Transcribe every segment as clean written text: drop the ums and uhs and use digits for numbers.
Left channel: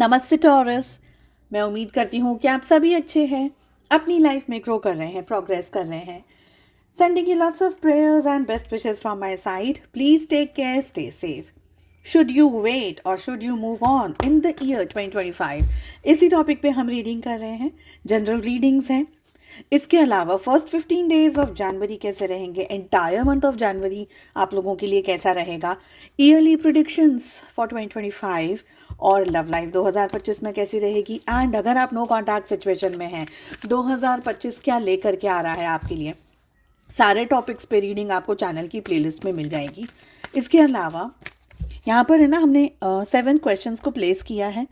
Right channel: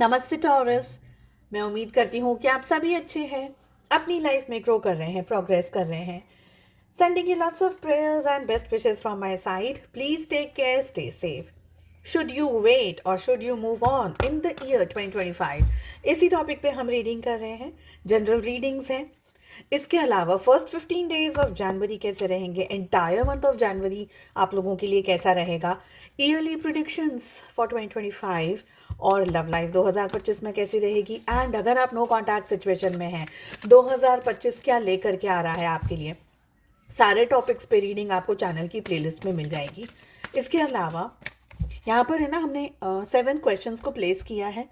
नमस्ते टॉरस। मैं उम्मीद करती हूँ कि आप सभी अच्छे हैं, अपनी लाइफ में ग्रो कर रहे हैं, प्रोग्रेस कर रहे हैं। Sending you lots of prayers and best wishes from my side. Please take care, stay safe. Should you wait और should you move on in the year 2025? इसी टॉपिक पे हम रीडिंग कर रहे हैं, जनरल रीडिंग्स हैं। इसके अलावा फर्स्ट 15 डेज ऑफ जनवरी कैसे रहेंगे, एंटायर मंथ ऑफ जनवरी आप लोगों के लिए कैसा रहेगा, ईयरली प्रिडिक्शंस फॉर 2025 और लव लाइफ 2025 में कैसी रहेगी। एंड अगर आप नो कॉन्टैक्ट सिचुएशन में हैं, 2025 क्या लेकर के आ रहा है आपके लिए, सारे टॉपिक्स पे रीडिंग आपको चैनल की प्लेलिस्ट में मिल जाएगी। इसके अलावा यहाँ पर है ना, हमने 7 क्वेश्चंस को प्लेस किया है,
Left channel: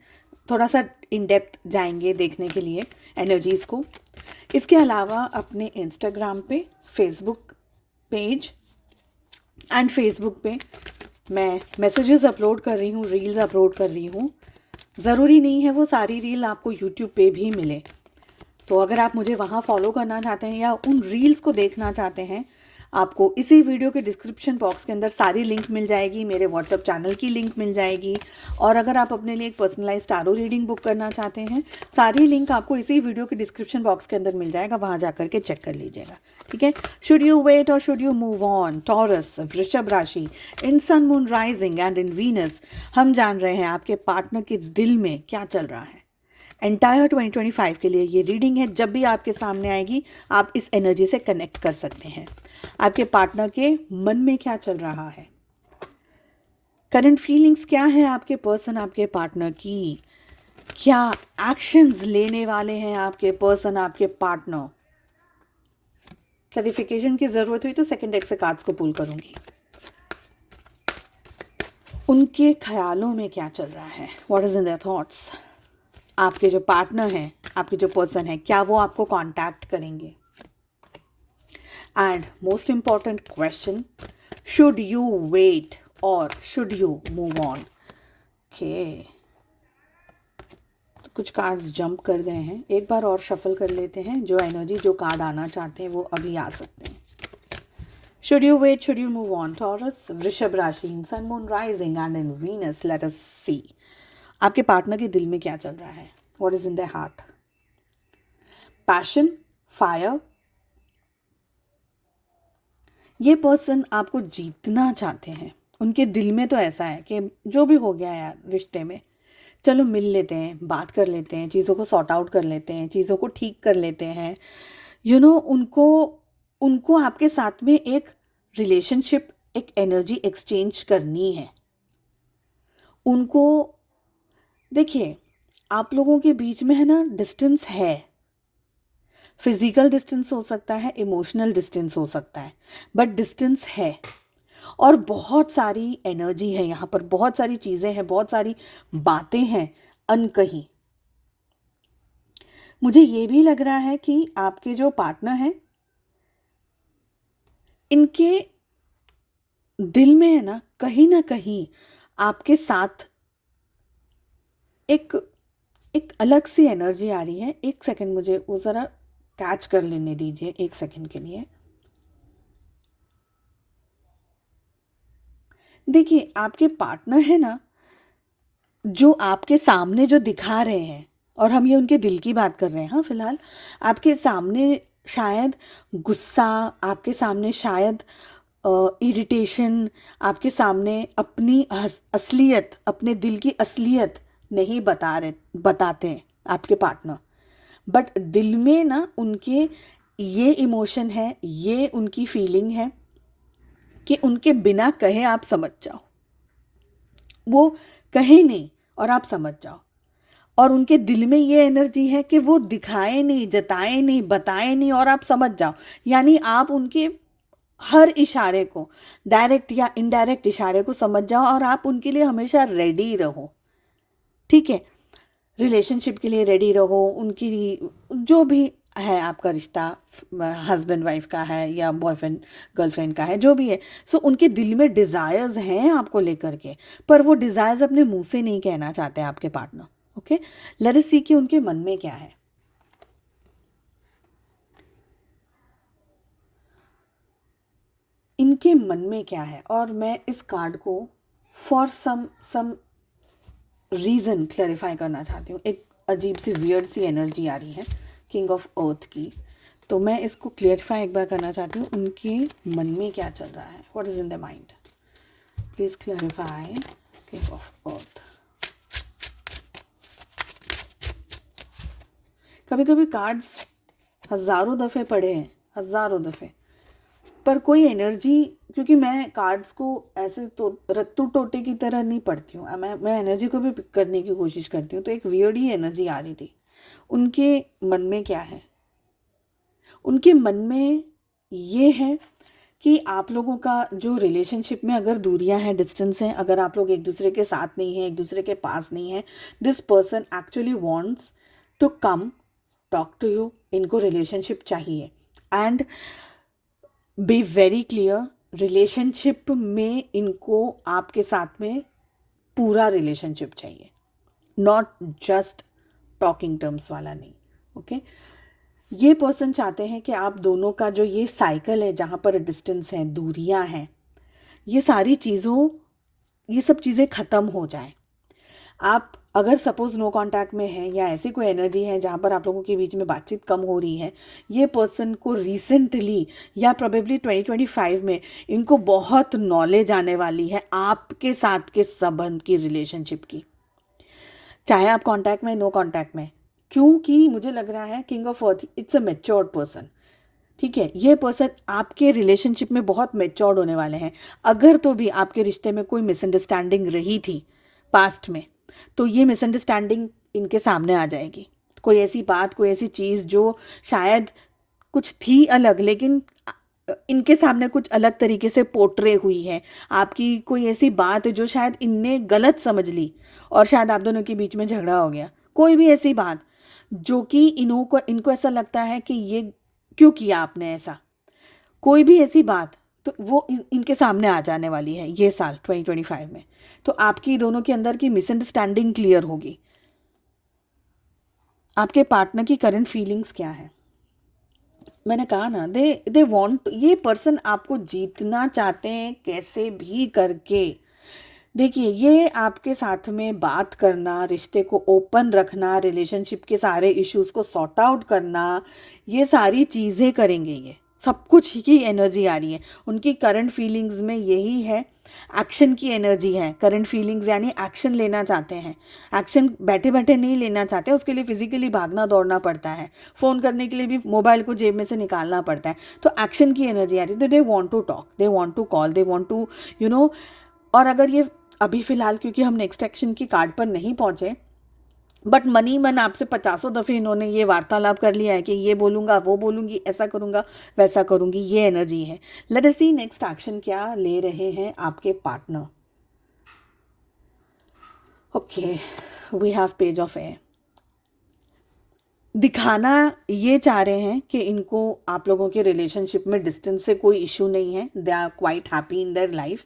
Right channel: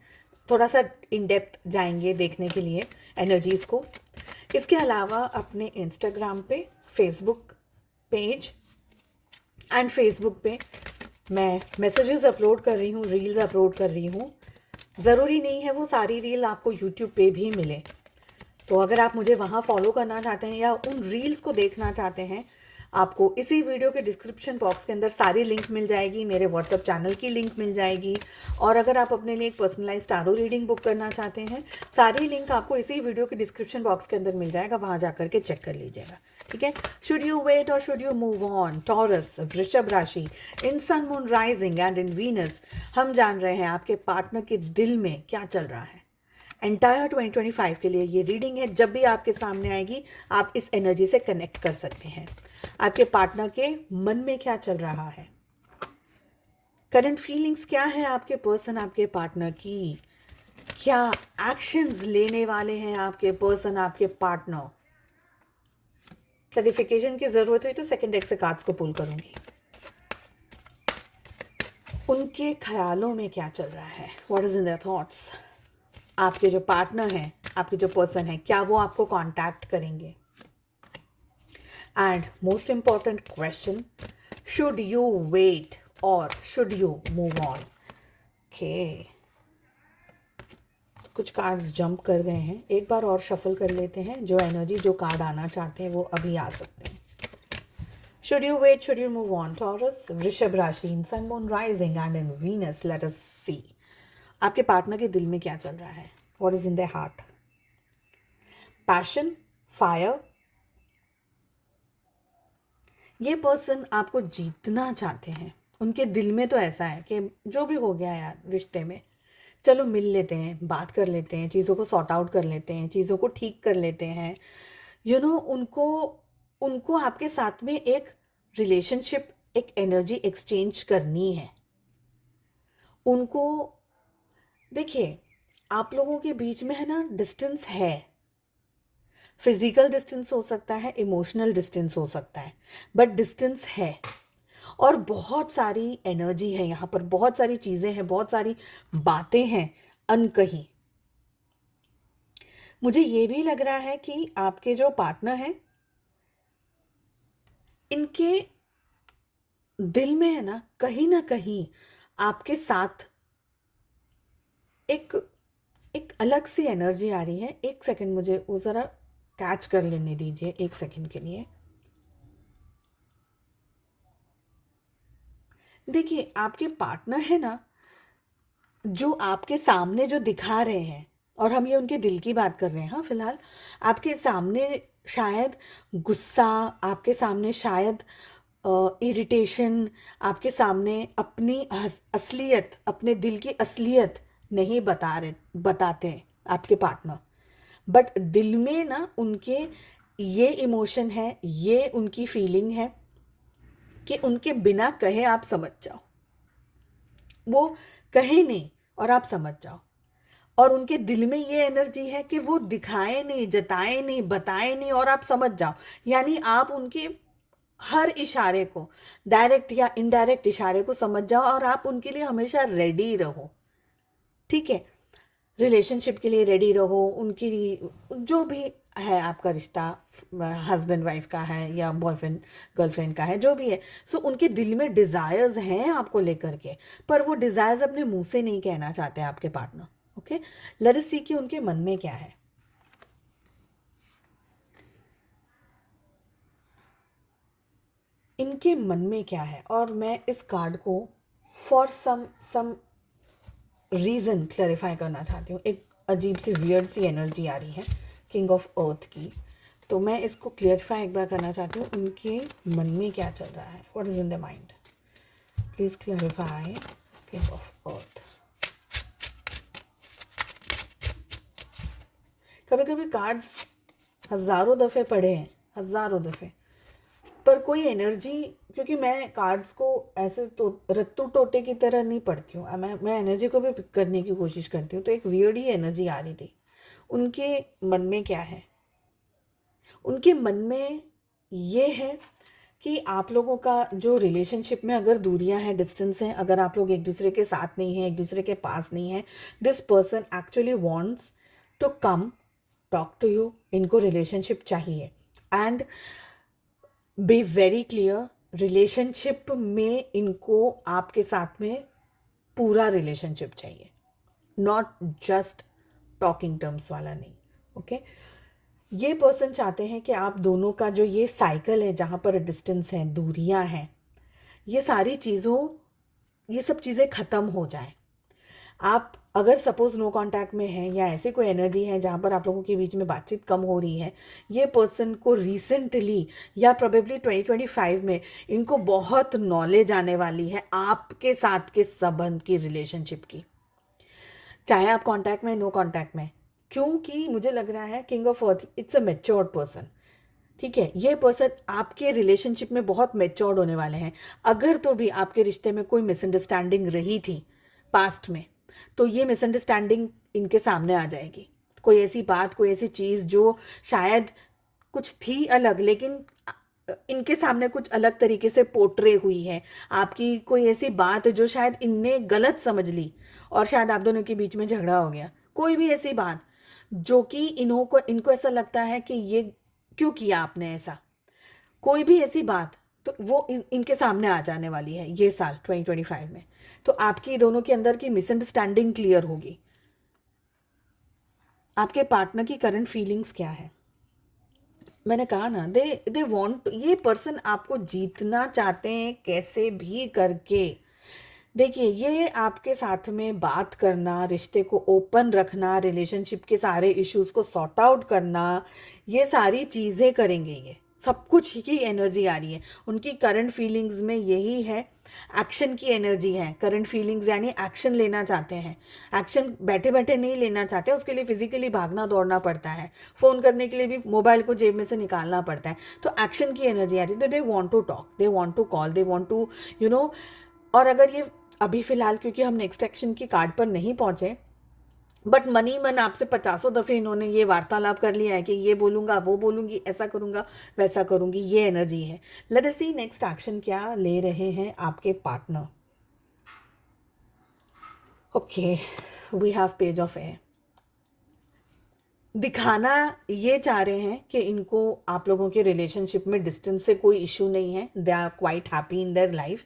थोड़ा सा इन डेप्थ जाएंगे देखने के लिए एनर्जीज को। इसके अलावा अपने इंस्टाग्राम पे, फेसबुक पेज एंड फेसबुक पे मैं मैसेजेस अपलोड कर रही हूँ, रील्स अपलोड कर रही हूँ। ज़रूरी नहीं है वो सारी रील आपको यूट्यूब पे भी मिले, तो अगर आप मुझे वहाँ फॉलो करना चाहते हैं या उन रील्स को देखना चाहते हैं, आपको इसी वीडियो के डिस्क्रिप्शन बॉक्स के अंदर सारी लिंक मिल जाएगी, मेरे व्हाट्सअप चैनल की लिंक मिल जाएगी। और अगर आप अपने लिए एक पर्सनलाइज टारो रीडिंग बुक करना चाहते हैं, सारी लिंक आपको इसी वीडियो के डिस्क्रिप्शन बॉक्स के अंदर मिल जाएगा, वहाँ जा करके चेक कर लीजिएगा। ठीक है। शुड यू वेट और should you move on? Taurus, वृषभ राशि, in sun moon rising and in Venus, हम जान रहे हैं आपके पार्टनर के दिल में क्या चल रहा है। एंटायर 2025 के लिए ये रीडिंग है। जब भी आपके सामने आएगी, आप इस एनर्जी से कनेक्ट कर सकते हैं। आपके पार्टनर के मन में क्या चल रहा है, करंट फीलिंग्स क्या है आपके पर्सन, आपके पार्टनर की, क्या एक्शंस लेने वाले हैं आपके पर्सन, आपके पार्टनर। क्लैरिफिकेशन की जरूरत हुई तो सेकंड डेक से कार्ड्स को पुल करूंगी। उनके ख्यालों में क्या चल रहा है, what is in their thoughts. आपके जो पार्टनर हैं, आपके जो पर्सन है, क्या वो आपको कांटेक्ट करेंगे। And most important question, should you wait और should you move on. Okay, कुछ कार्ड्स जंप कर गए हैं, एक बार और शफल कर लेते हैं। जो एनर्जी, जो कार्ड आना चाहते हैं वो अभी आ सकते हैं। Should you wait, should you move on? Taurus, वृषभ राशि, in sun moon rising and in Venus, let us see आपके पार्टनर के दिल में क्या चल रहा है, what is in their heart. Passion, fire, ये पर्सन आपको जीतना चाहते हैं। उनके दिल में तो ऐसा है कि जो भी हो गया यार रिश्ते में, चलो मिल लेते हैं, बात कर लेते हैं, चीज़ों को सॉर्ट आउट कर लेते हैं, चीज़ों को ठीक कर लेते हैं। उनको उनको आपके साथ में एक रिलेशनशिप, एक एनर्जी एक्सचेंज करनी है। उनको, देखिए, आप लोगों के बीच में है ना डिस्टेंस है। फिजिकल डिस्टेंस हो सकता है, इमोशनल डिस्टेंस हो सकता है, बट डिस्टेंस है। और बहुत सारी एनर्जी है यहाँ पर, बहुत सारी चीज़ें हैं, बहुत सारी बातें हैं अनकही। मुझे ये भी लग रहा है कि आपके जो पार्टनर हैं, इनके दिल में है ना कहीं आपके साथ एक एक अलग सी एनर्जी आ रही है। एक सेकंड, मुझे वो ज़रा कैच कर लेने दीजिए, एक सेकंड के लिए। देखिए, आपके पार्टनर है ना, जो आपके सामने जो दिखा रहे हैं, और हम ये उनके दिल की बात कर रहे हैं, हाँ फिलहाल आपके सामने शायद गुस्सा, आपके सामने शायद इरिटेशन, आपके सामने अपनी असलियत, अपने दिल की असलियत नहीं बताते हैं आपके पार्टनर। बट दिल में ना उनके ये इमोशन है, ये उनकी फीलिंग है कि उनके बिना कहे आप समझ जाओ, वो कहे नहीं और आप समझ जाओ। और उनके दिल में ये एनर्जी है कि वो दिखाए नहीं, जताए नहीं, बताए नहीं और आप समझ जाओ। यानी आप उनके हर इशारे को, डायरेक्ट या इनडायरेक्ट इशारे को समझ जाओ और आप उनके लिए हमेशा रेडी रहो। ठीक है, रिलेशनशिप के लिए रेडी रहो। उनकी जो भी है आपका रिश्ता, हस्बैंड वाइफ का है या बॉयफ्रेंड गर्लफ्रेंड का है, जो भी है, सो उनके दिल में डिज़ायर्स हैं आपको लेकर के, पर वो डिज़ायर्स अपने मुंह से नहीं कहना चाहते आपके पार्टनर। ओके, लेट अस सी कि उनके मन में क्या है। इनके मन में क्या है, और मैं इस कार्ड को फॉर सम रीज़न क्लैरिफाई करना चाहती हूँ। एक अजीब सी वियर्ड सी एनर्जी आ रही है किंग ऑफ अर्थ की, तो मैं इसको क्लियरिफाई एक बार करना चाहती हूँ। उनके मन में क्या चल रहा है, what is in the mind, please clarify king of earth. कभी कभी कार्ड्स हज़ारों दफ़े पढ़े हैं, हज़ारों दफ़े, पर कोई एनर्जी, क्योंकि मैं कार्ड्स को ऐसे तो रत्तू टोटे की तरह नहीं पढ़ती हूँ, मैं एनर्जी को भी पिक करने की कोशिश करती हूँ, तो एक वियर्ड ही एनर्जी आ रही थी। उनके मन में क्या है, उनके मन में ये है कि आप लोगों का जो रिलेशनशिप में अगर दूरियां हैं, डिस्टेंस है, अगर आप लोग एक दूसरे के साथ नहीं हैं, एक दूसरे के पास नहीं है, this person actually wants to come talk to you. इनको रिलेशनशिप चाहिए, and be very clear, relationship में इनको आपके साथ में पूरा रिलेशनशिप चाहिए, नॉट जस्ट टॉकिंग टर्म्स वाला नहीं। ओके ये पर्सन चाहते हैं कि आप दोनों का जो ये साइकिल है, जहाँ पर डिस्टेंस है, दूरियां हैं, ये सारी चीज़ों, ये सब चीज़ें ख़त्म हो जाएं। आप अगर सपोज नो कांटेक्ट में हैं या ऐसी कोई एनर्जी है जहाँ पर आप लोगों के बीच में बातचीत कम हो रही है, ये पर्सन को रिसेंटली या प्रोबेबली 2025 में इनको बहुत नॉलेज आने वाली है आपके साथ के संबंध की, रिलेशनशिप की, चाहे आप कांटेक्ट में, नो कांटेक्ट में। क्योंकि मुझे लग रहा है king of earth, it's a matured person. ठीक है, ये पर्सन आपके रिलेशनशिप में बहुत मैच्योर्ड होने वाले हैं। अगर तो भी आपके रिश्ते में कोई मिसअंडरस्टैंडिंग रही थी पास्ट में, तो ये मिसअंडरस्टैंडिंग इनके सामने आ जाएगी। कोई ऐसी बात, कोई ऐसी चीज़ जो शायद कुछ थी अलग, लेकिन इनके सामने कुछ अलग तरीके से पोर्ट्रे हुई है। आपकी कोई ऐसी बात जो शायद इनने गलत समझ ली और शायद आप दोनों के बीच में झगड़ा हो गया। कोई भी ऐसी बात जो कि इनको ऐसा लगता है कि ये क्यों किया आपने ऐसा, कोई भी ऐसी बात, तो वो इनके सामने आ जाने वाली है ये साल 2025 में। तो आपकी दोनों के अंदर की मिसअंडरस्टैंडिंग क्लियर होगी। आपके पार्टनर की करंट फीलिंग्स क्या है, मैंने कहा ना, दे वांट, ये पर्सन आपको जीतना चाहते हैं कैसे भी करके। देखिए, ये आपके साथ में बात करना, रिश्ते को ओपन रखना, रिलेशनशिप के सारे इश्यूज को सॉर्ट आउट करना, ये सारी चीज़ें करेंगे। ये सब कुछ की एनर्जी आ रही है उनकी करंट फीलिंग्स में, यही है। एक्शन की एनर्जी है करंट फीलिंग्स, यानी एक्शन लेना चाहते हैं। एक्शन बैठे बैठे नहीं लेना चाहते, उसके लिए फिजिकली भागना दौड़ना पड़ता है, फ़ोन करने के लिए भी मोबाइल को जेब में से निकालना पड़ता है। तो एक्शन की एनर्जी आ रही है, तो they want to talk, they want to call, they want to और अगर ये अभी फ़िलहाल, क्योंकि हम नेक्स्ट एक्शन की कार्ड पर नहीं पहुँचे, बट मनी मन आपसे पचासों दफ़े इन्होंने ये वार्तालाप कर लिया है कि ये बोलूँगा, वो बोलूँगी, ऐसा करूँगा, वैसा करूँगी, ये एनर्जी है। Let us see next action क्या ले रहे हैं आपके partner. Okay, we have page of air. दिखाना ये चाह रहे हैं कि इनको आप लोगों के रिलेशनशिप में डिस्टेंस से कोई इशू नहीं है, they are quite happy in their life,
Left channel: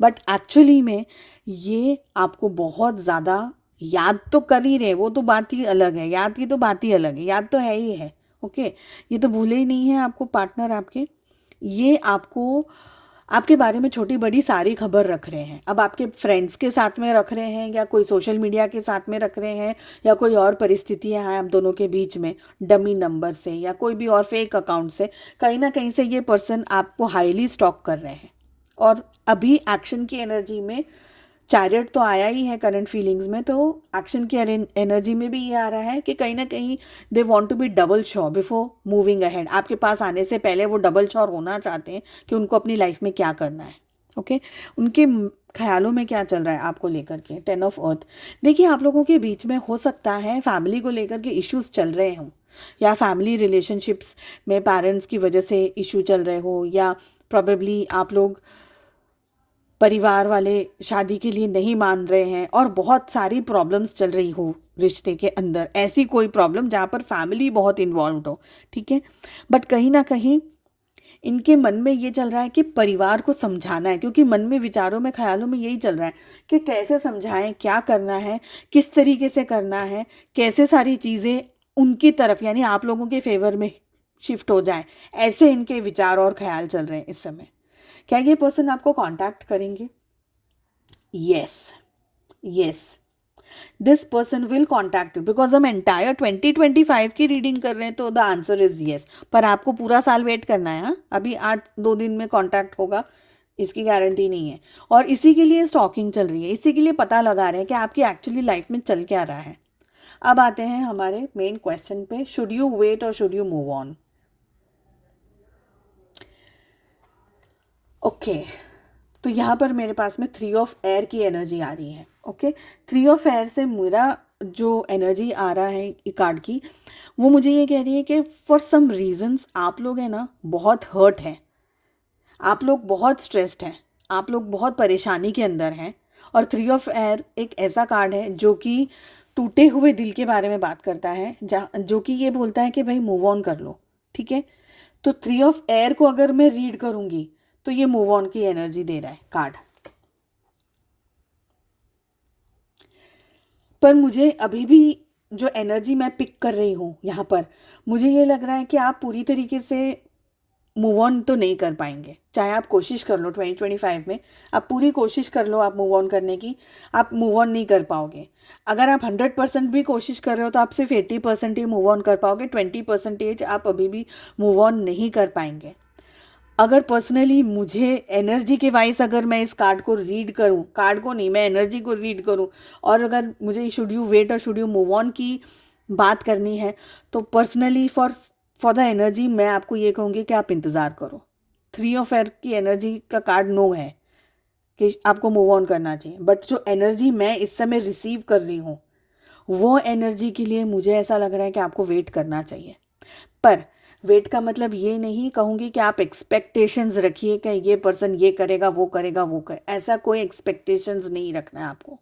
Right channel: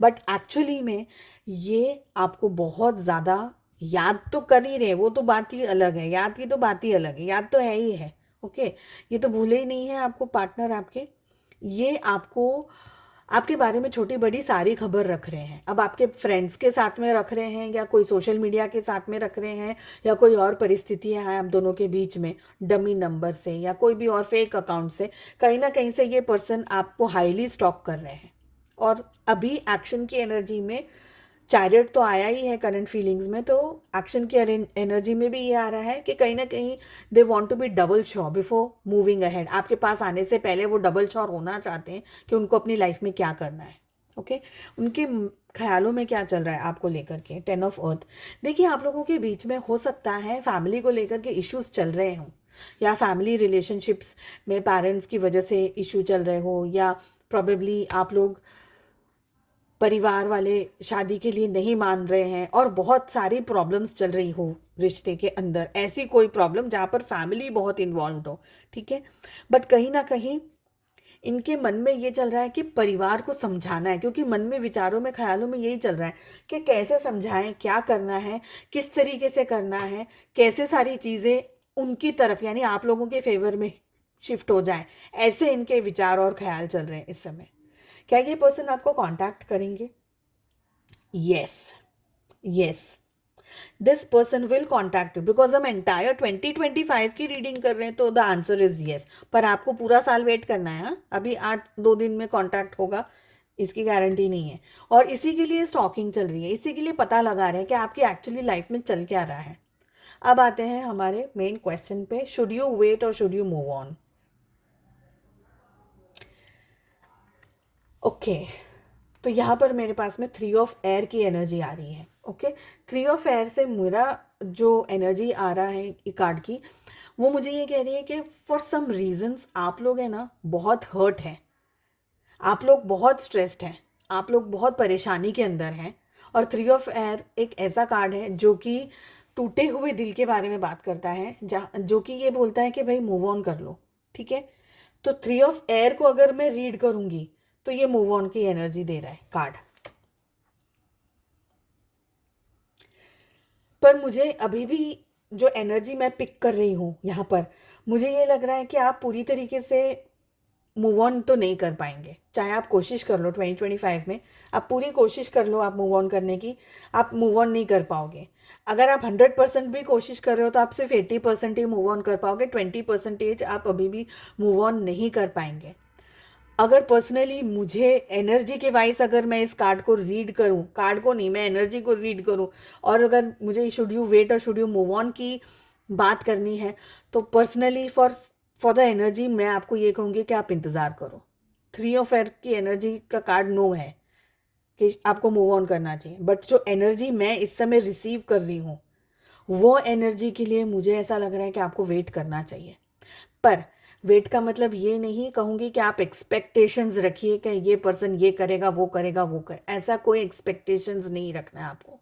but actually में ये आपको बहुत ज़्यादा याद तो कर ही रहे, वो तो बात ही अलग है, याद की तो बात ही अलग है, याद तो है ही है। ओके, ये तो भूले ही नहीं है आपको पार्टनर आपके, ये आपको आपके बारे में छोटी बड़ी सारी खबर रख रहे हैं। अब आपके फ्रेंड्स के साथ में रख रहे हैं, या कोई सोशल मीडिया के साथ में रख रहे हैं, या कोई और परिस्थितियां हैं आप दोनों के बीच में, डमी नंबर से या कोई भी और फेक अकाउंट से, कहीं ना कहीं से ये पर्सन आपको हाईली स्टॉक कर रहे हैं। और अभी एक्शन की एनर्जी में चैरियट तो आया ही है करंट फीलिंग्स में, तो एक्शन की एनर्जी में भी ये आ रहा है कि कहीं ना कहीं they want to be double sure before moving ahead. आपके पास आने से पहले वो डबल श्योर होना चाहते हैं कि उनको अपनी लाइफ में क्या करना है। ओके, उनके ख्यालों में क्या चल रहा है आपको लेकर के, 10 ऑफ अर्थ। देखिए, आप लोगों के बीच में हो सकता है फैमिली को लेकर के इश्यूज चल रहे हों, या फैमिली रिलेशनशिप्स में पेरेंट्स की वजह से इशू चल रहे हो, या प्रोबेबली आप लोग परिवार वाले शादी के लिए नहीं मान रहे हैं, और बहुत सारी प्रॉब्लम्स चल रही हो रिश्ते के अंदर, ऐसी कोई प्रॉब्लम जहाँ पर फैमिली बहुत इन्वॉल्व हो। ठीक है, बट कहीं ना कहीं इनके मन में ये चल रहा है कि परिवार को समझाना है, क्योंकि मन में, विचारों में, ख्यालों में यही चल रहा है कि कैसे समझाएं, क्या करना है, किस तरीके से करना है, कैसे सारी चीज़ें उनकी तरफ यानी आप लोगों के फेवर में शिफ्ट हो जाए, ऐसे इनके विचार और ख्याल चल रहे हैं इस समय। क्या ये पर्सन आपको कांटेक्ट करेंगे? Yes, yes, this person will contact you, because हम एंटायर 2025 की रीडिंग कर रहे हैं, तो द आंसर इज येस। पर आपको पूरा साल वेट करना है। हाँ, अभी आज 2 दिन में कॉन्टैक्ट होगा इसकी गारंटी नहीं है। और इसी के लिए स्टॉकिंग चल रही है, इसी के लिए पता लगा रहे हैं कि आपकी एक्चुअली लाइफ में चल क्या रहा है। अब आते हैं हमारे मेन क्वेश्चन पे, शुड यू वेट और should you move on. Okay, तो यहाँ पर मेरे पास में 3 ऑफ एयर की एनर्जी आ रही है। ओके, 3 ऑफ एयर से मेरा जो एनर्जी आ रहा है कार्ड की, वो मुझे ये कह रही है कि फॉर सम रीजंस आप लोग हैं ना बहुत हर्ट हैं, आप लोग बहुत स्ट्रेस्ड हैं, आप लोग बहुत परेशानी के अंदर हैं। और 3 ऑफ एयर एक ऐसा कार्ड है जो कि टूटे हुए दिल के बारे में बात करता है, जो कि ये बोलता है कि भाई मूव ऑन कर लो। ठीक है, तो 3 ऑफ एयर को अगर मैं रीड करूंगी तो ये मूव ऑन की एनर्जी दे रहा है कार्ड। पर मुझे अभी भी जो एनर्जी मैं पिक कर रही हूँ यहाँ पर, मुझे ये लग रहा है कि आप पूरी तरीके से मूव ऑन तो नहीं कर पाएंगे। चाहे आप कोशिश कर लो 2025 में, आप पूरी कोशिश कर लो आप मूव ऑन करने की, आप मूव ऑन नहीं कर पाओगे। अगर आप 100% भी कोशिश कर रहे हो तो आप सिर्फ 80% ही मूव ऑन कर पाओगे, 20% आप अभी भी मूव ऑन नहीं कर पाएंगे। अगर पर्सनली मुझे एनर्जी के वाइज अगर मैं इस कार्ड को रीड करूं, कार्ड को नहीं, मैं एनर्जी को रीड करूं, और अगर मुझे शुड यू वेट और शुड यू मूव ऑन की बात करनी है, तो पर्सनली फॉर द एनर्जी मैं आपको ये कहूँगी कि आप इंतज़ार करो। 3 ऑफ एयर की एनर्जी का कार्ड नो है कि आपको मूव ऑन करना चाहिए, बट जो एनर्जी मैं इस समय रिसीव कर रही हूँ, वो एनर्जी के लिए मुझे ऐसा लग रहा है कि आपको वेट करना चाहिए। पर वेट का मतलब ये नहीं कहूँगी कि आप एक्सपेक्टेशंस रखिए कि ये पर्सन ये करेगा वो करेगा वो कर, ऐसा कोई एक्सपेक्टेशंस नहीं रखना है आपको।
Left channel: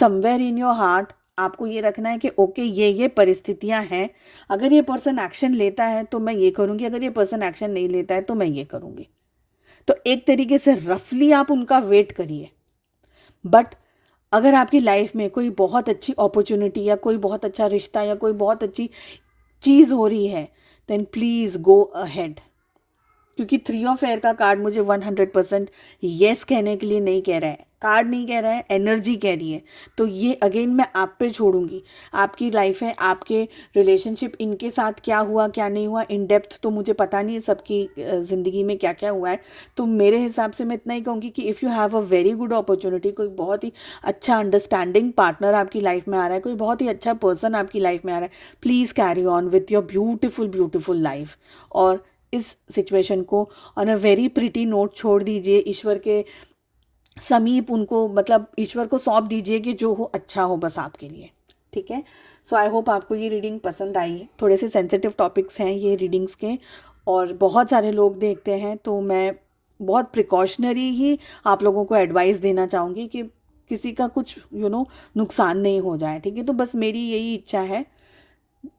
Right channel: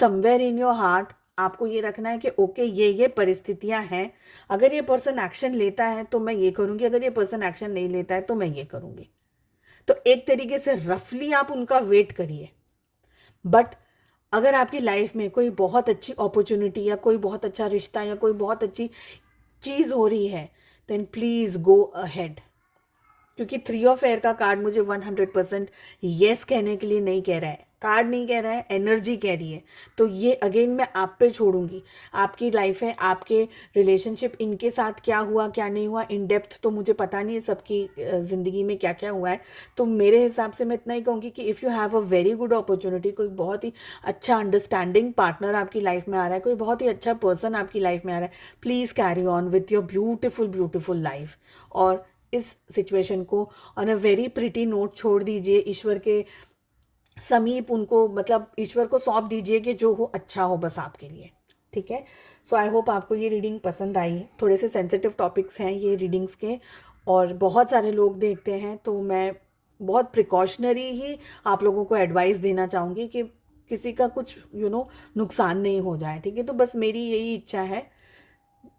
समवेयर इन योर हार्ट आपको ये रखना है कि ओके ये परिस्थितियां हैं, अगर ये पर्सन एक्शन लेता है तो मैं ये करूँगी, अगर ये पर्सन एक्शन नहीं लेता है तो मैं ये करूँगी। तो एक तरीके से रफली आप उनका वेट करिए। बट अगर आपकी लाइफ में कोई बहुत अच्छी अपॉर्चुनिटी या कोई बहुत अच्छा रिश्ता या कोई बहुत अच्छी चीज़ हो रही है, देन प्लीज़ गो अहेड। क्योंकि 3 ऑफ एयर का कार्ड मुझे 100% येस कहने के लिए नहीं कह रहा है, कार्ड नहीं कह रहा है, एनर्जी कह रही है। तो ये अगेन मैं आप पे छोड़ूंगी, आपकी लाइफ है, आपके रिलेशनशिप, इनके साथ क्या हुआ क्या नहीं हुआ इन डेप्थ तो मुझे पता नहीं है सबकी ज़िंदगी में क्या क्या हुआ है। तो मेरे हिसाब से मैं इतना ही कहूँगी कि if you have a very good opportunity, कोई बहुत ही अच्छा अंडरस्टैंडिंग पार्टनर आपकी लाइफ में आ रहा है, कोई बहुत ही अच्छा पर्सन आपकी लाइफ में आ रहा है, please carry on with your beautiful life. और इस सिचुएशन को on a very pretty note छोड़ दीजिए, ईश्वर के समीप उनको, मतलब ईश्वर को सौंप दीजिए कि जो हो अच्छा हो बस आपके लिए। ठीक है, सो आई होप आपको ये रीडिंग पसंद आई। थोड़े से सेंसिटिव टॉपिक्स हैं ये रीडिंग्स के, और बहुत सारे लोग देखते हैं, तो मैं बहुत प्रिकॉशनरी ही आप लोगों को एडवाइस देना चाहूँगी कि किसी का कुछ नुकसान नहीं हो जाए। ठीक है, तो बस मेरी यही इच्छा है,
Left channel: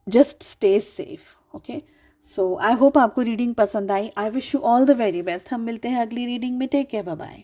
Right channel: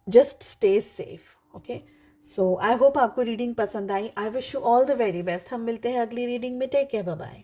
just stay safe. Okay, so I hope आपको रीडिंग पसंद आई। I wish you all the very best. हम मिलते हैं अगली रीडिंग में। Take care, bye bye.